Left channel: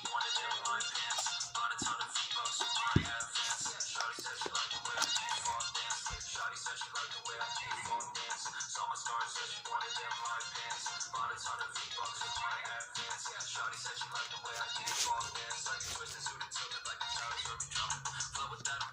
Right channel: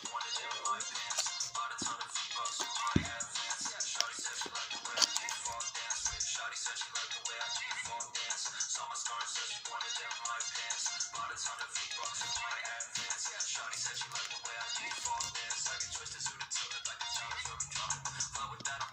she wanted in my pants. Bought a ton of V-Bucks with my advance. Shawty said she liked the way I default dance. Shawty said she liked the way I default dance. Saw my stars, said she wanted in my pants. Bought a ton of V-Bucks with my advance. Shawty said she liked the way I default dance. Like a twisted suit and tilted like the towers where we jumping. Flow with that.